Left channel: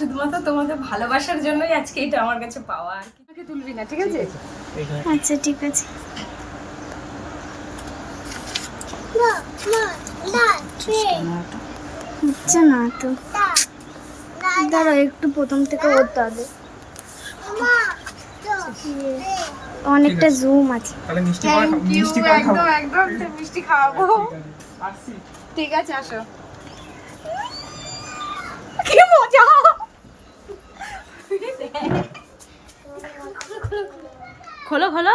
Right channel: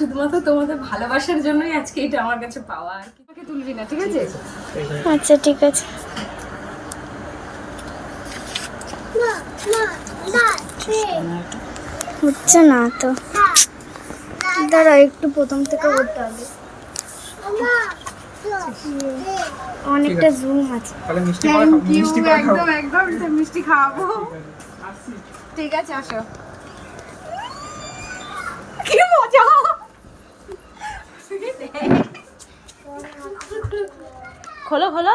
শুধুমাত্র তোমাদের ভালোবাসার জন্যই আজকে এটা আমার কাছে পাওয়া। আর কি তোকে তুলবি না ঠিক আছে? আচ্ছা ঠিক আছে। হচ্ছে না তো। দাঁড়া একটু প্রথম থেকে করতে হবে। অনেকটা জুম আছে। থ্যাংক ইউ একদম একদম মিষ্টি খাওয়াবো। ঠিক আছে আসো। খোলো খোলো।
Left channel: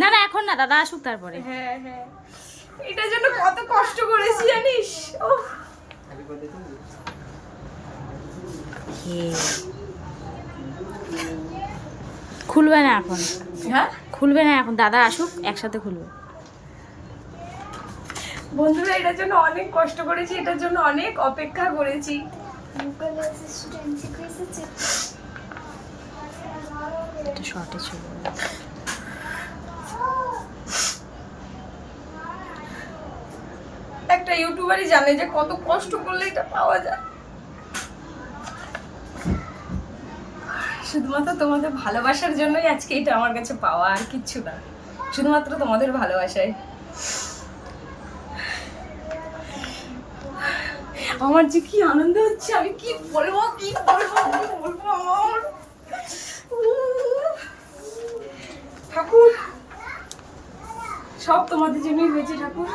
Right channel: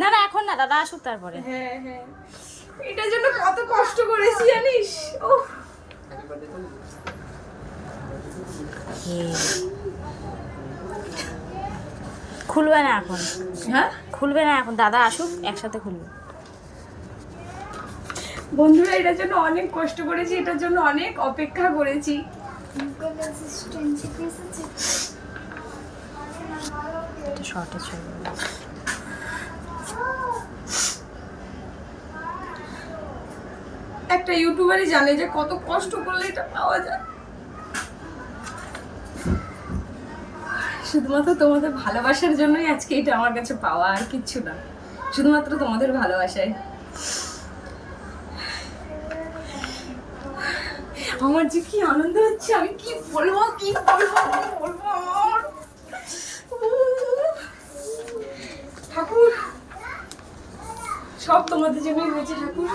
না না এখন না দাদা আসুক তারপরে। হ্যাঁ হ্যাঁ। এটার জন্য কত কষ্ট করেছি জানিস? ও খুলবে না এখন। হ্যাঁ? খুলবে না এখন দাদা আসুক একসাথে খুলবে। বন্ধুরা এটার জন্য অনেক কষ্ট করেছি এটার জন্য অনেক অপেক্ষা করেছি। শর্টে চলে যাবে। একটা ইউটিউবারই জানে যে কত কষ্ট করলে এটা পাওয়া যায়। শুধুমাত্র তোমাদের ভালোবাসার জন্যই আজকে এটা আমার কাছে পাওয়া আর কিচ্ছু না। শুধুমাত্র তোমাদের ভালোবাসায়। আমার যে কি আনন্দ হচ্ছে, আমি কি বলব কি বলব কি বলব আমার? ঠাকুর। সব তোমাদের জন্যই হয়েছে ঠাকুর।